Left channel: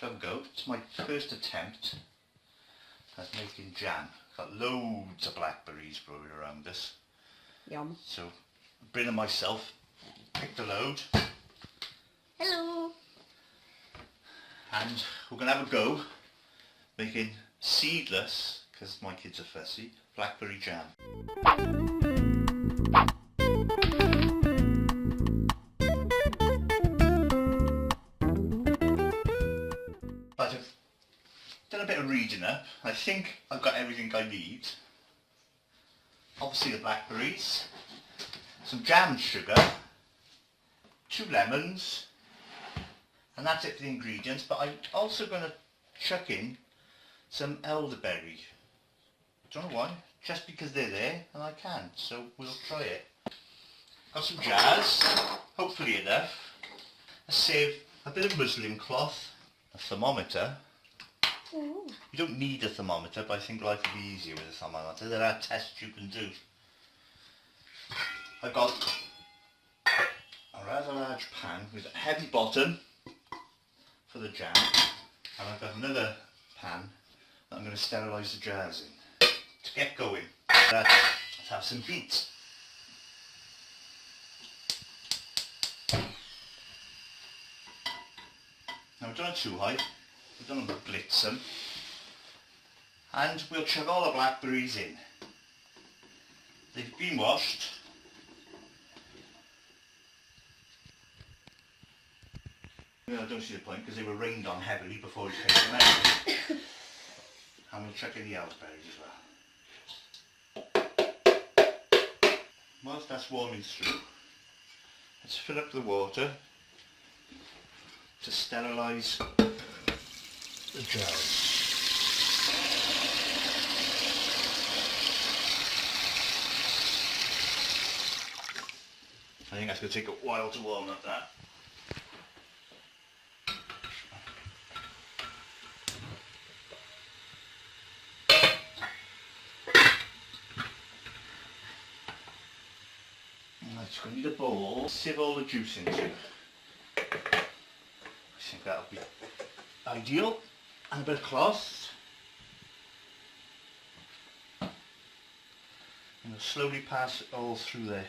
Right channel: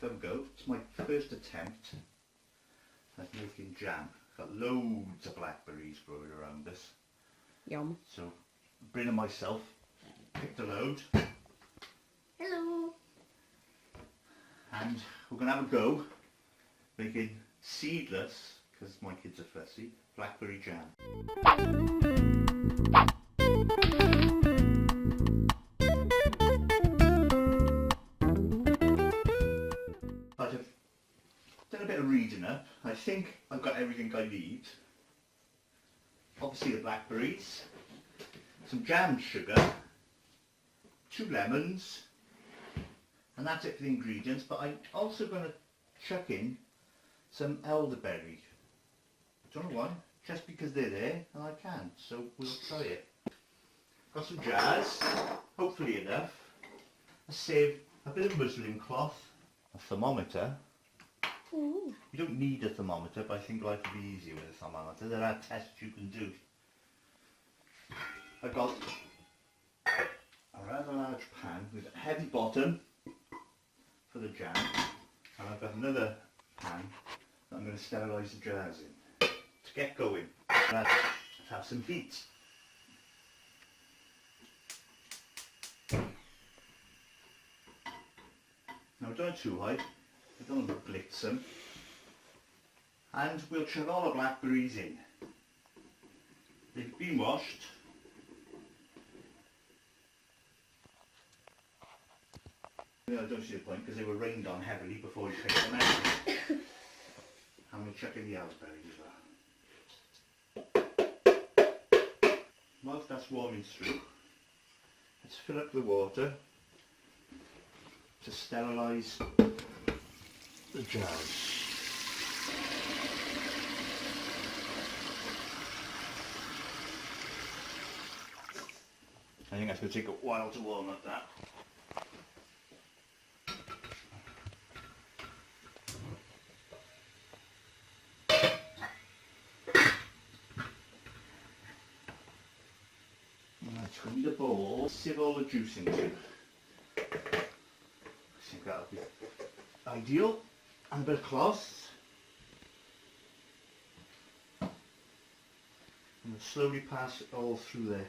have a go. It's my first attempt at making jam. Got loads of blackberries growing around us. Yum. So, Bryn and myself picked a load. Hello. And we're going to have a go making seedless, because my kids are fussy, blackberry jam. But I've done a bit of reading up. I think I've got everything I need. Obviously the blackberries, some jam sugar, 2 lemons, and that's it for the ingredients. But I'm also going to chuck in some elderberry. Don't know why, just because they're there and I can, so we'll try it. Got some jars, hopefully enough. I saved a bit of muslin cloth, a thermometer. Ooh. You don't need a thermometer, but I think life would be easier with a thermometer. There are tests you can do. I've got a rather large pan with a heavy bottom for the jam, and I've got another pan that I'm going to sterilise the jars in. To get going, let's have some beet. Now I've done it too high, I don't want to blitz them. And we'll chuck all the blackberries in. They've been washed. I don't see the point because they were rained on heavily before we picked them out. And we'll chuck in the elderberries as well. Whilst that's warming through, let's fill up the water to sterilise the jars. I think that's going to take a while to warm up that. Right, so we need a bowl to sieve all the juice into. I think that'll be ideal. And a bit of cloth. And we'll slowly pass it all through there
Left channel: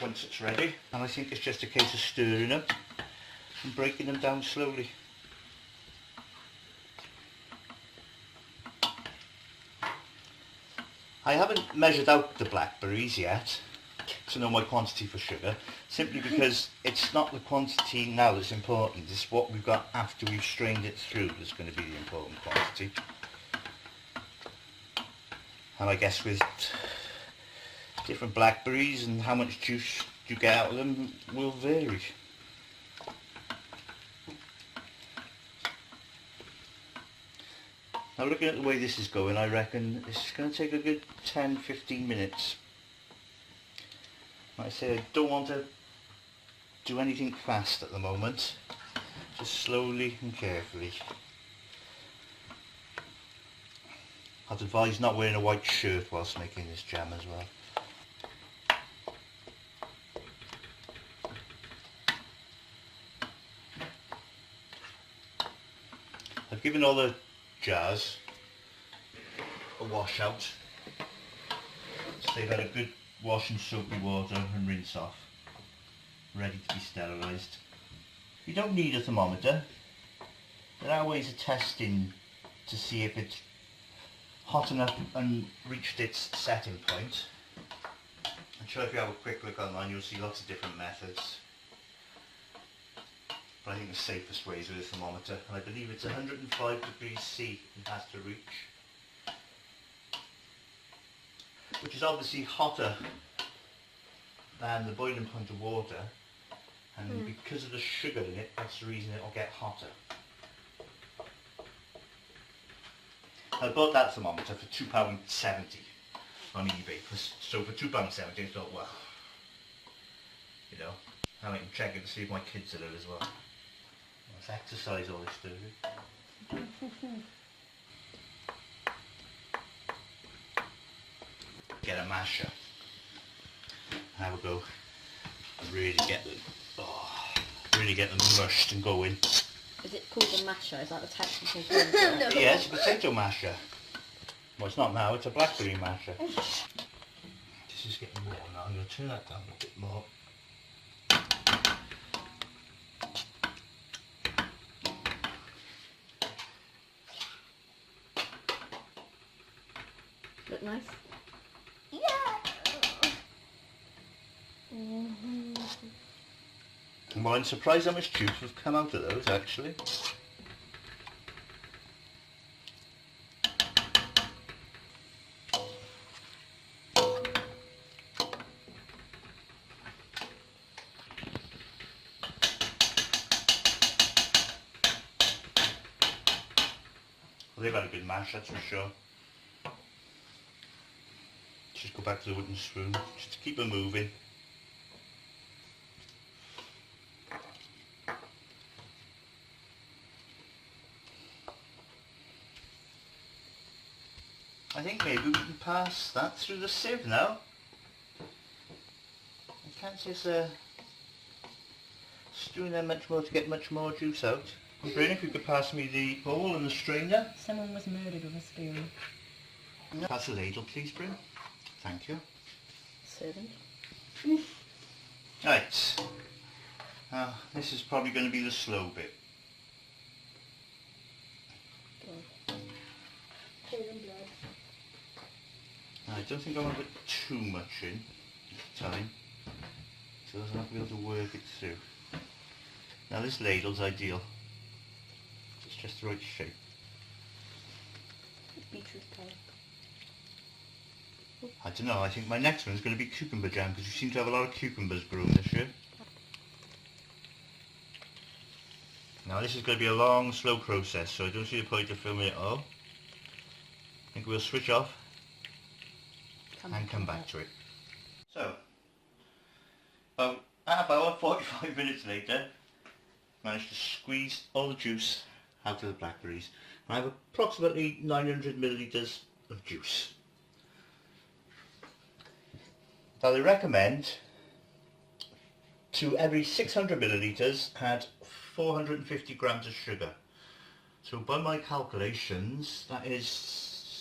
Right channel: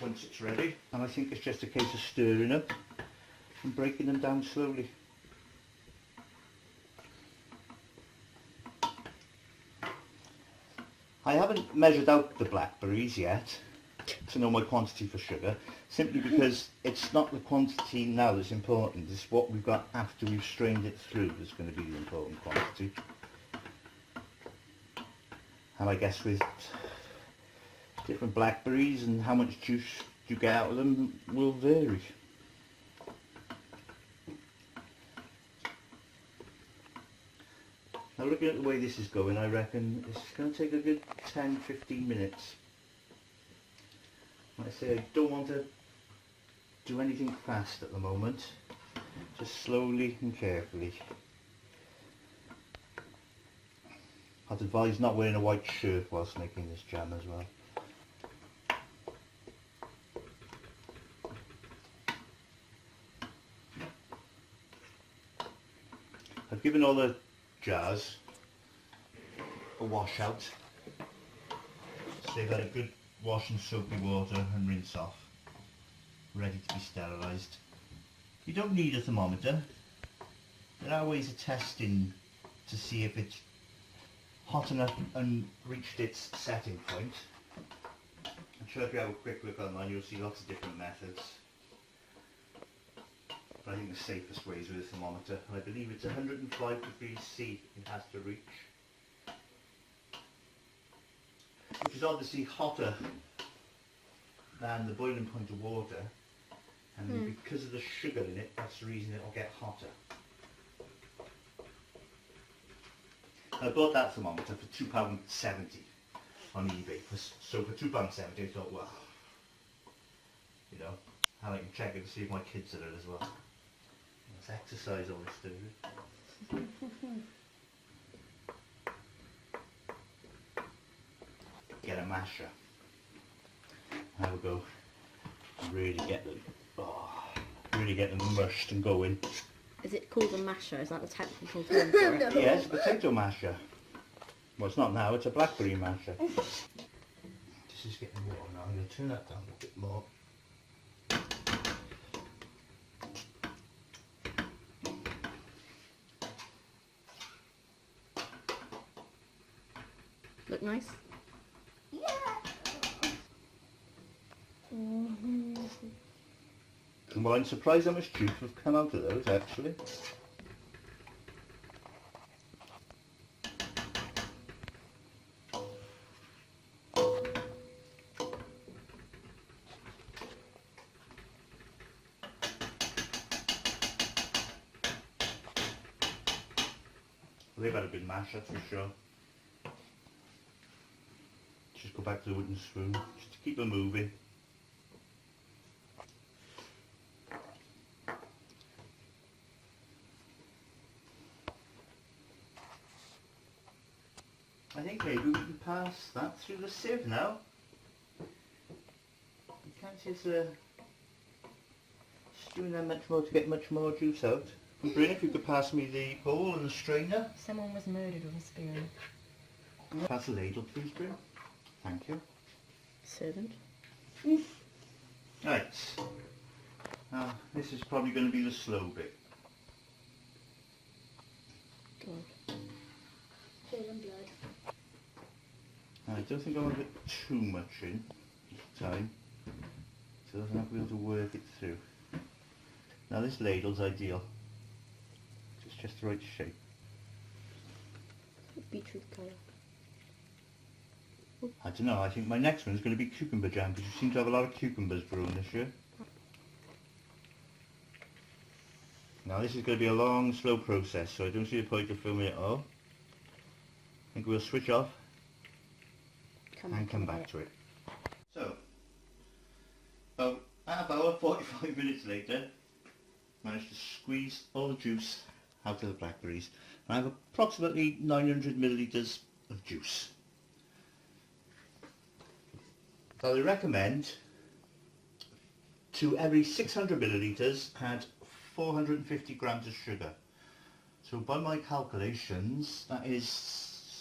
once it's ready. And I think it's just a case of stirring them and breaking them down slowly. I haven't measured out the blackberries yet to know my quantity for sugar, simply because it's not the quantity now that's important, it's what we've got after we've strained it through that's going to be the important quantity. And I guess with different blackberries and how much juice you get out of them will vary. Now looking at the way this is going, I reckon it's going to take a good 10-15 minutes. Like I say, I don't want to do anything fast at the moment, just slowly and carefully. I'd advise not wearing a white shirt whilst making this jam as well. I've given all the jars a wash out, so they've had a good wash in soapy water and rinse off, ready to be sterilised. You don't need a thermometer. There are ways of testing to see if it's hot enough and reached its setting point. I'm sure if you have a quick look online you'll see lots of different methods. But I think the safest way is with a thermometer, and I believe it's 105 degrees C it has to reach, which is obviously hotter than the boiling point of water, and because of the sugar in it, that's the reason it'll get hotter. I bought that thermometer for £2.70 on eBay, so for £2.70 I thought, well, you know, I might check it to see if my kids are there as well. Let's exercise all this doing. Get a masher. Have a go. Really get them mushed and going. Is it called a masher? Is that the technical term for it? No. Yeah, it's a potato masher. Well, it's not now, it's a blackberry masher. This is getting warm now. I'm going to turn that down a bit more. Look nice? Yeah. Well, I'm surprised how much juice has come out of those, actually. Well, they've had a good mash, that's for sure. Just go back to the wooden spoon, just to keep them moving. I think maybe we can pass that through the sieve now. You can't just stewing them much more to get much more juice out. Bryn, if you could pass me the bowl and the strainer. Someone was murdered with a spoon. Pass the ladle, please, Bryn. Thank you. Servant. Right. This is probably going to be the slow bit. I don't think I want to put too much in each time, so I don't be able to work it through. Now this ladle's ideal. It's just the right shape. Beetroot colour. I don't know, I think my next one's going to be cucumber jam, because we seem to have a lot of cucumbers growing this year. Now this is going to be a long, slow process, so I don't see the point of filming it all. I think we'll switch off and come back to it. So, about half hour, 45 minutes later, managed to squeeze all the juice out of the blackberries. I have approximately 900 millilitres of juice. Now they recommend to every 600 millilitres add 450 grams of sugar. So by my calculations that is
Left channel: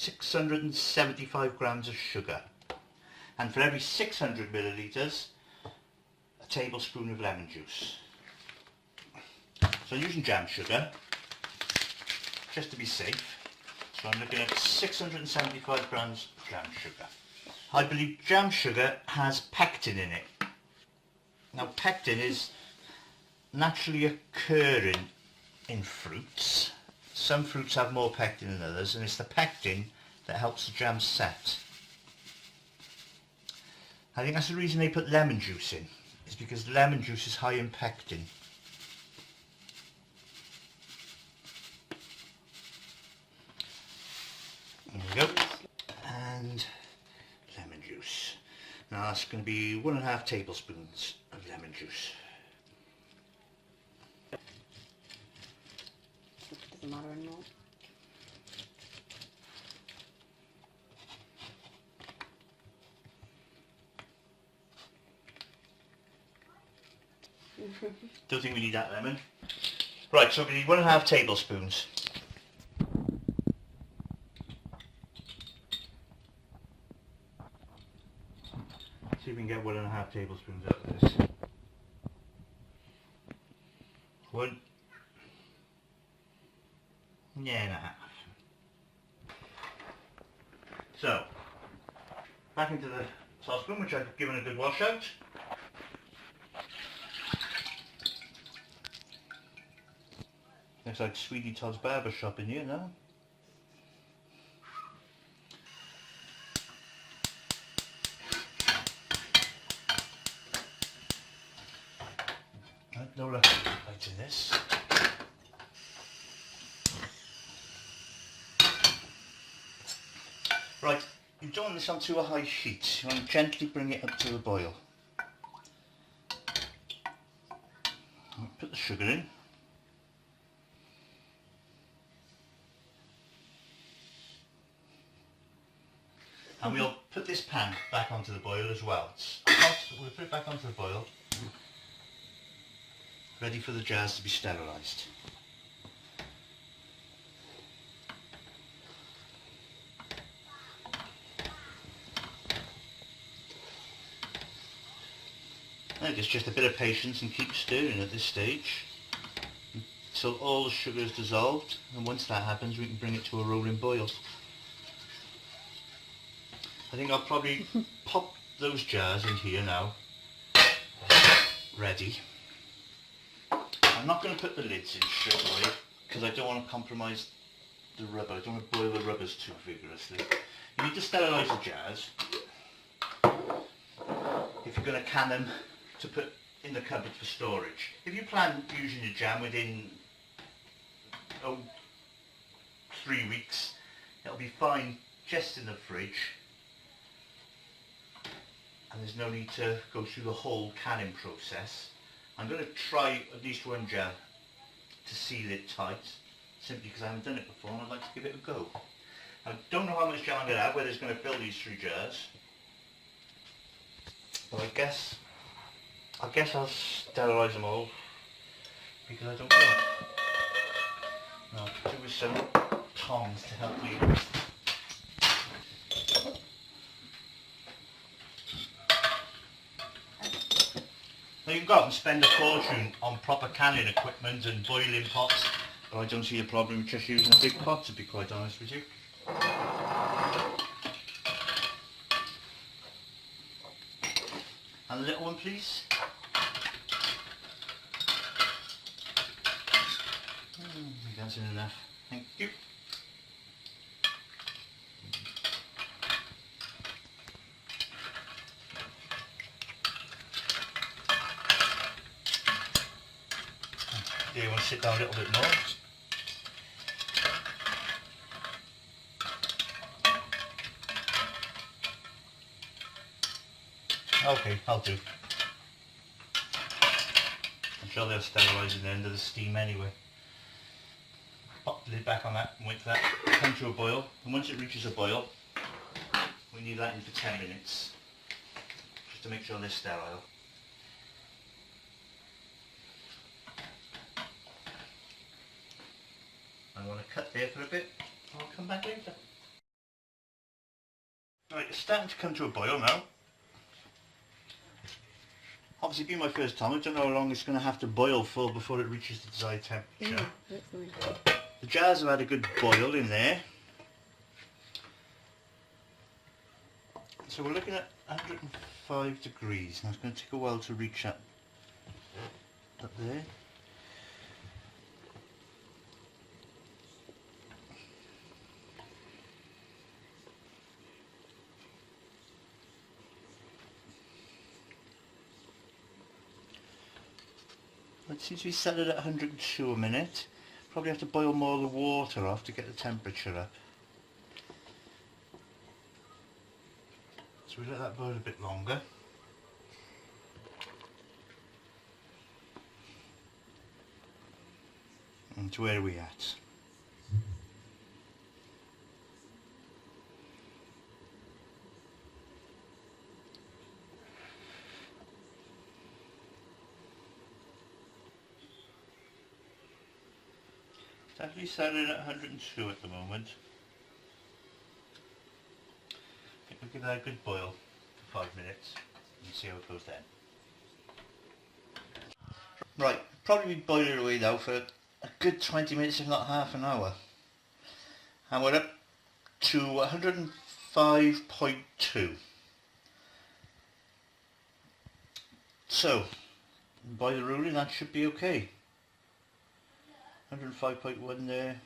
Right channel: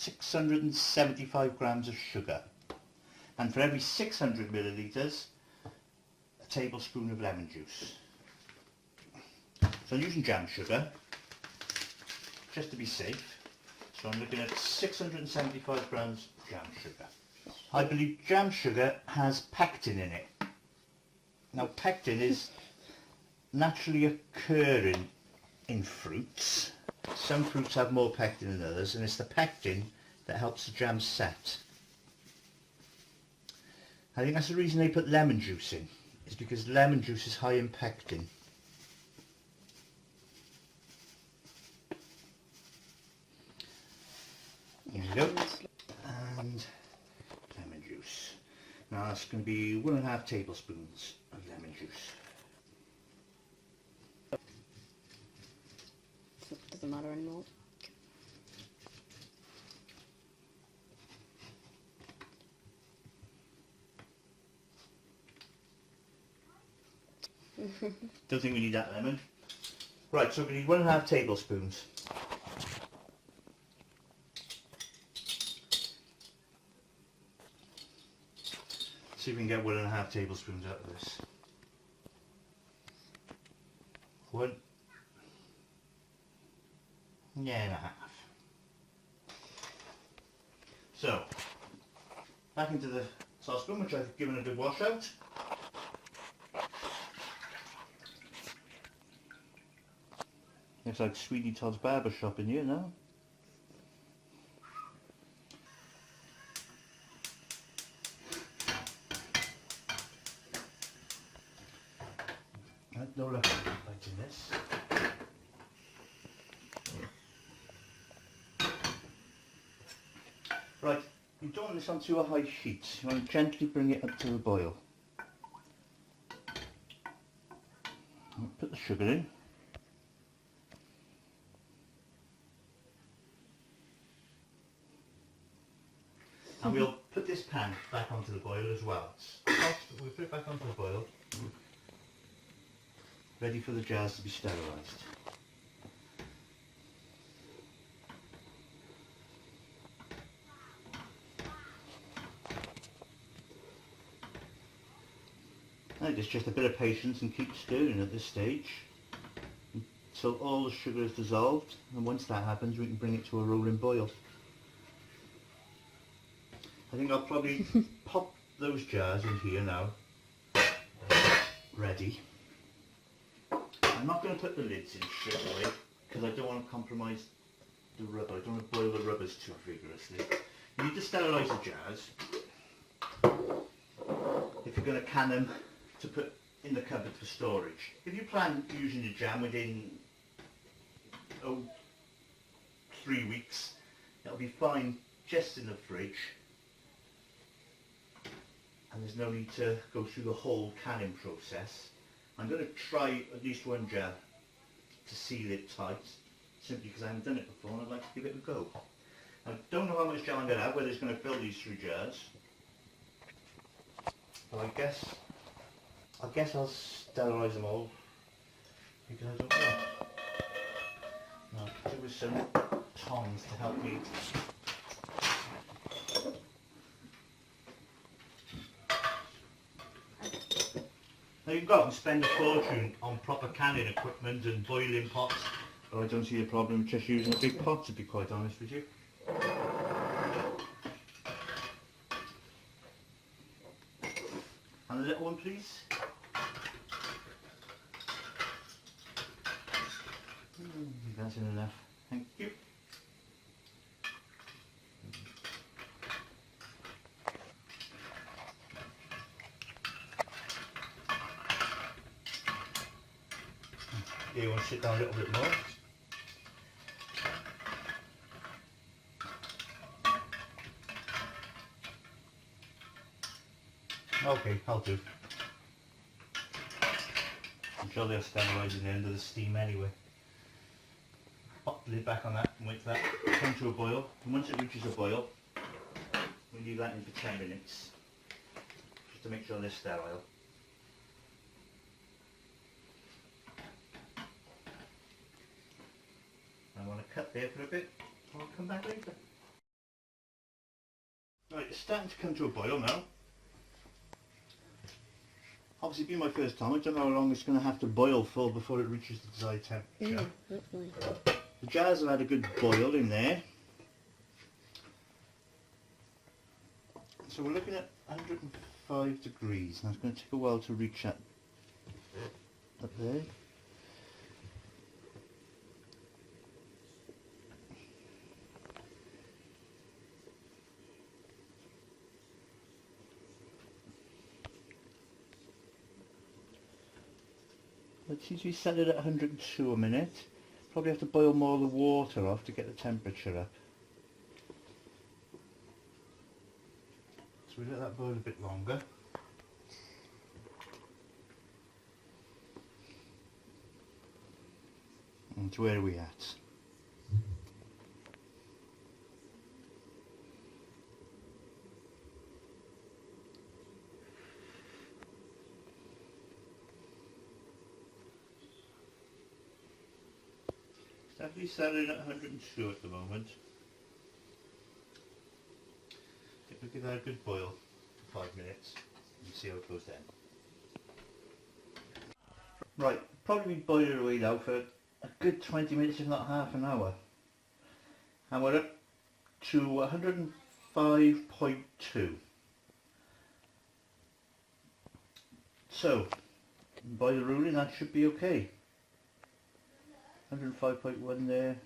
675 grams of sugar. And for every 600 millilitres a tablespoon of lemon juice. So I'm using jam sugar just to be safe. So I'm looking at 675 grams of jam sugar. I believe jam sugar has pectin in it. Now pectin is naturally occurring in fruits. Some fruits have more pectin than others, and it's the pectin that helps the jam set. I think that's the reason they put lemon juice in, is because lemon juice is high in pectin. There we go. And lemon juice. Now that's going to be 1.5 tablespoons of lemon juice. Doesn't matter anymore. Don't think we need that lemon. Right, so we need 1.5 tablespoons. See if we can get 1.5 tablespoons out of this. 1.5. So, back into the saucepan, which I've given a good wash out. Looks like Sweetie Todd's barber shop in here now. Lower right in this. Right, you don't want this on too a high heat. You want to gently bring it up to a boil. Put the sugar in. And we'll put this pan back onto the boil as well. It's hot, but we'll put it back onto the boil. Ready for the jars to be sterilised. I think it's just a bit of patience and keep stirring at this stage until all the sugar is dissolved, and once that happens we can bring it to a rolling boil. I think I'll probably pop those jars in here now, ready. I'm not going to put the lids in straight away because I don't want to compromise the rubber. I don't want to boil the rubbers too vigorously. You need to sterilise the jars if you're going to can them to put in the cupboard for storage. If you plan using your jam within 3 weeks, it'll be fine just in the fridge, and there's no need to go through the whole canning process. I'm going to try at least one jar to seal it tight, simply because I haven't done it before and I'd like to give it a go. I don't know how much jam I'm going to have, whether it's going to fill these 3 jars, but I guess I'll sterilise them all, because I don't know. Now I'll do with some tongs to help me. Now you can go out and spend a fortune on proper canning equipment and boiling pots, but I don't see a problem with just using a big pot, to be quite honest with you. And a little one, please. That's enough. Thank you. Do you want to sit down a little bit more? Okay, I'll do. I'm sure they're sterilising the end of the steam anyway. Pop the lid back on that and wait for that to come to a boil. And once it reaches a boil, we leave that in for 10 minutes, just to make sure they're sterile. I want to cut there for a bit, I'll come back later. Right, it's starting to come to a boil now. Obviously being my first time, I don't know how long it's going to have to boil for before it reaches the desired temperature. The jars have had a good boil in there. So we're looking at 105 degrees. Now it's going to take a while to reach up there. It seems to be set it at 102 a minute. Probably have to boil more of the water off to get the temperature up. So we let that boil a bit longer. And where are we at? Definitely setting at 102 at the moment. We'll give that a good boil for 5 minutes and see how it goes then. Right, probably be boiling away now for a good 20 minutes, if not half an hour. And we're up to 105.2. So, by the ruling that should be okay. 105.1 there.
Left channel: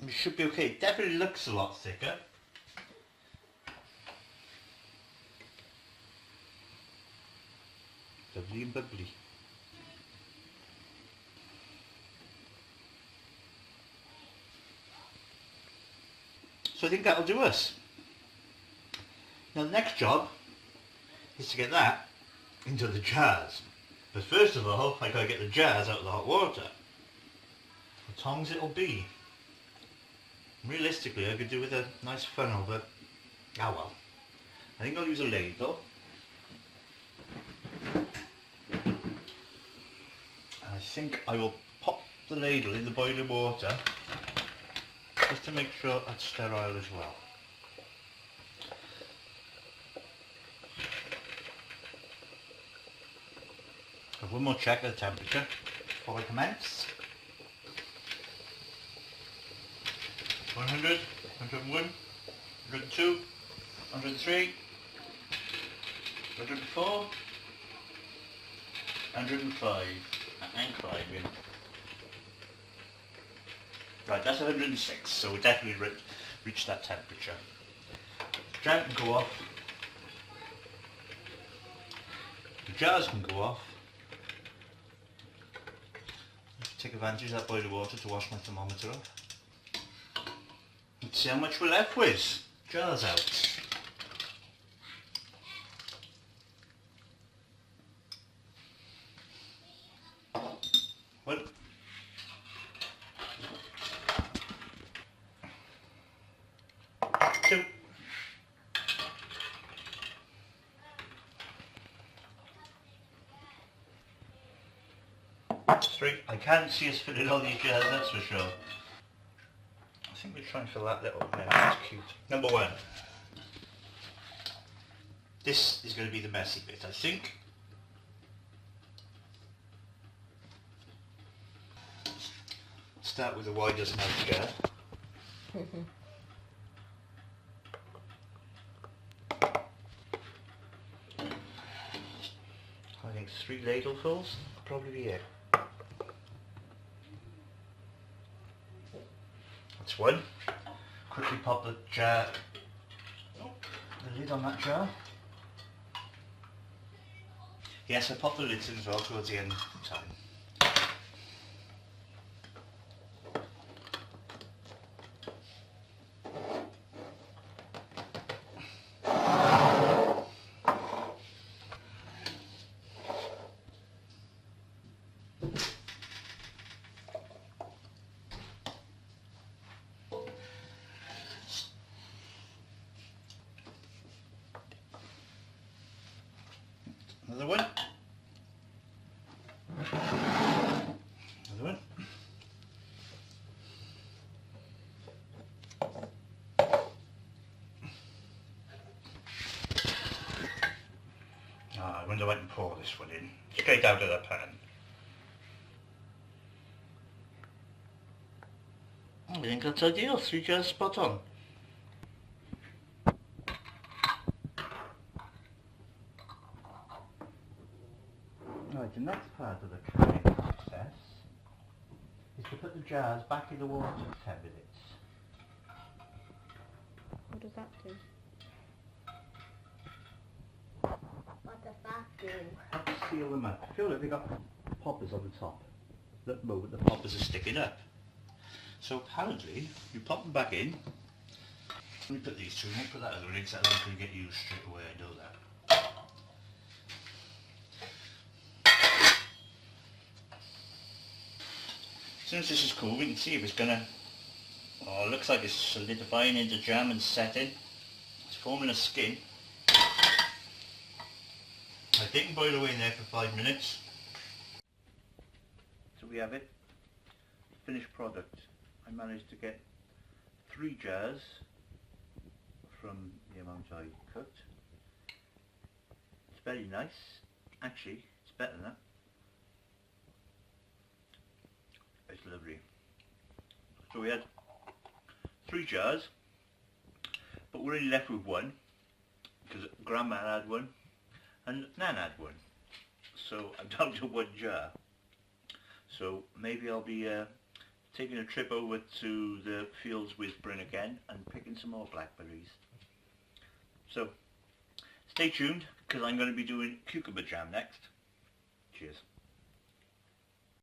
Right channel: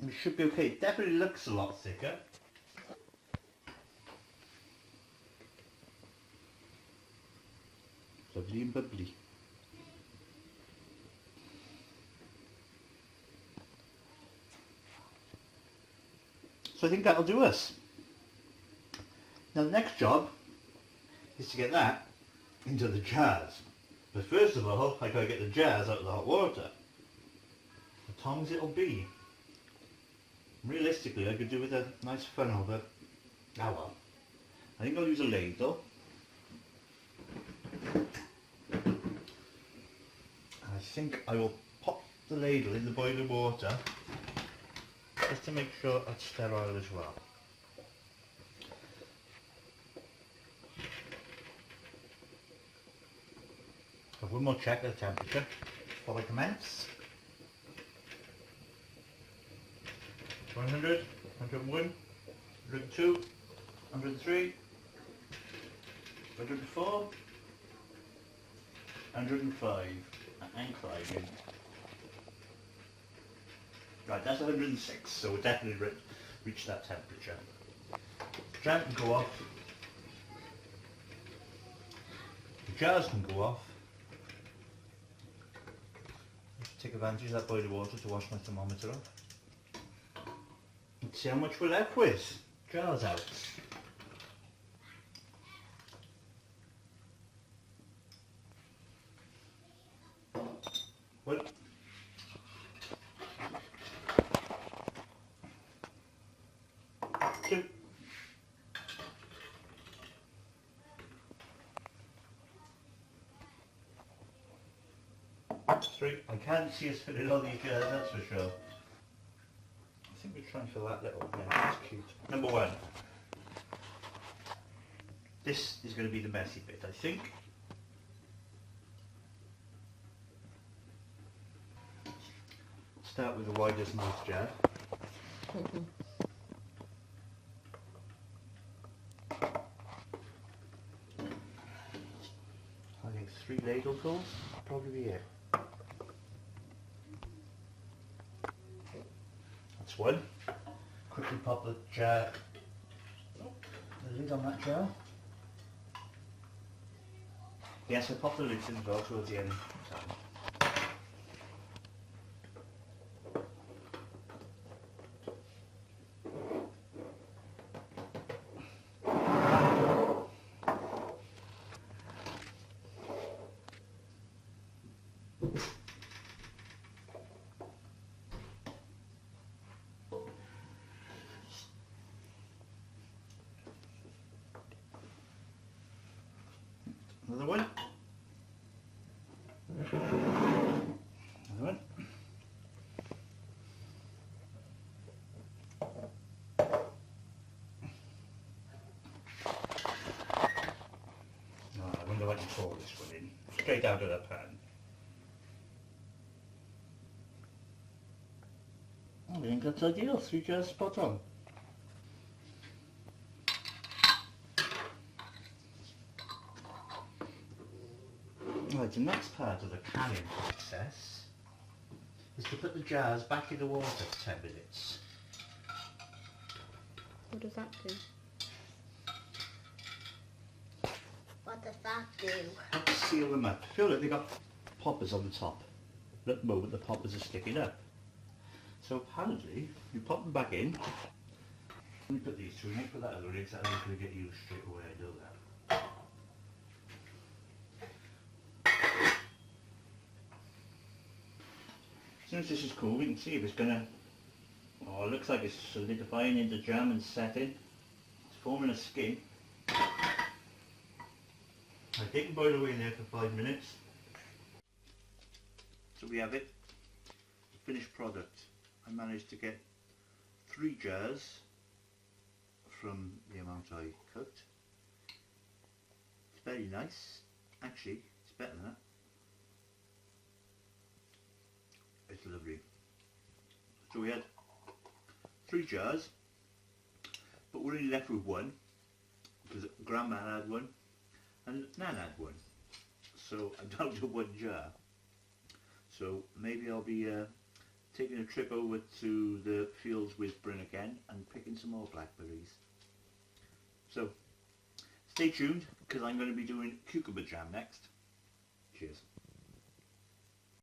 It should be okay. It definitely looks a lot thicker. Lovely and bubbly. So I think that'll do us. Now the next job is to get that into the jars. But first of all, I gotta get the jars out of the hot water. The tongs it'll be. Realistically, I could do with a nice funnel, but ah well. I think I'll use a ladle. And I think I will pop the ladle in the boiling water just to make sure it's sterile as well. one more check of the temperature before I commence. 100, 101, 102, 103, 104, 105, and climbing. Right, that's 106, so we definitely reached that temperature. Jam can go off. The jars can go off. Just take advantage of that boiling water to wash my thermometer off. Let's see how much we're left with. Jars out. Well, 2, 3. I can't see us filling all these jars, that's for sure. I think we'll try and fill that little now. That's cute. Number 1. This is going to be the messy bit, I think. Start with the widest mouth jar. I think 3 ladlefuls will probably be it. That's 1. Quickly pop the jar, the lid on that jar. Yes, I pop the lids in as well towards the end. Another one. Another one. I wonder if I can pour this one in straight out of the pan. I think that's ideal. 3 jars spot on. Right, the next part of the canning process is to put the jars back in the water for 10 minutes. What does that do? What does that do? Let's seal them up. Feel like they've got poppers on the top. At the moment the poppers are sticking up. So apparently you pop them back in. Let me put these two, I won't put that other one in because that'll get used straight away, I know that. As soon as this is cool we can see if it's gonna, oh, it looks like it's solidifying into jam and setting. It's forming a skin. I think can boil away in there for 5 minutes. So we have it, finished product. I managed to get 3 jars from the amount I cooked. It's very nice. Actually, it's better than that. It's lovely. So we had 3 jars, but we're only left with 1 because Grandma had 1 and Nan had 1. So I'm down to 1 jar. So maybe I'll be taking a trip over to the fields with Bryn again and picking some more blackberries. So stay tuned because I'm going to be doing cucumber jam next. Cheers.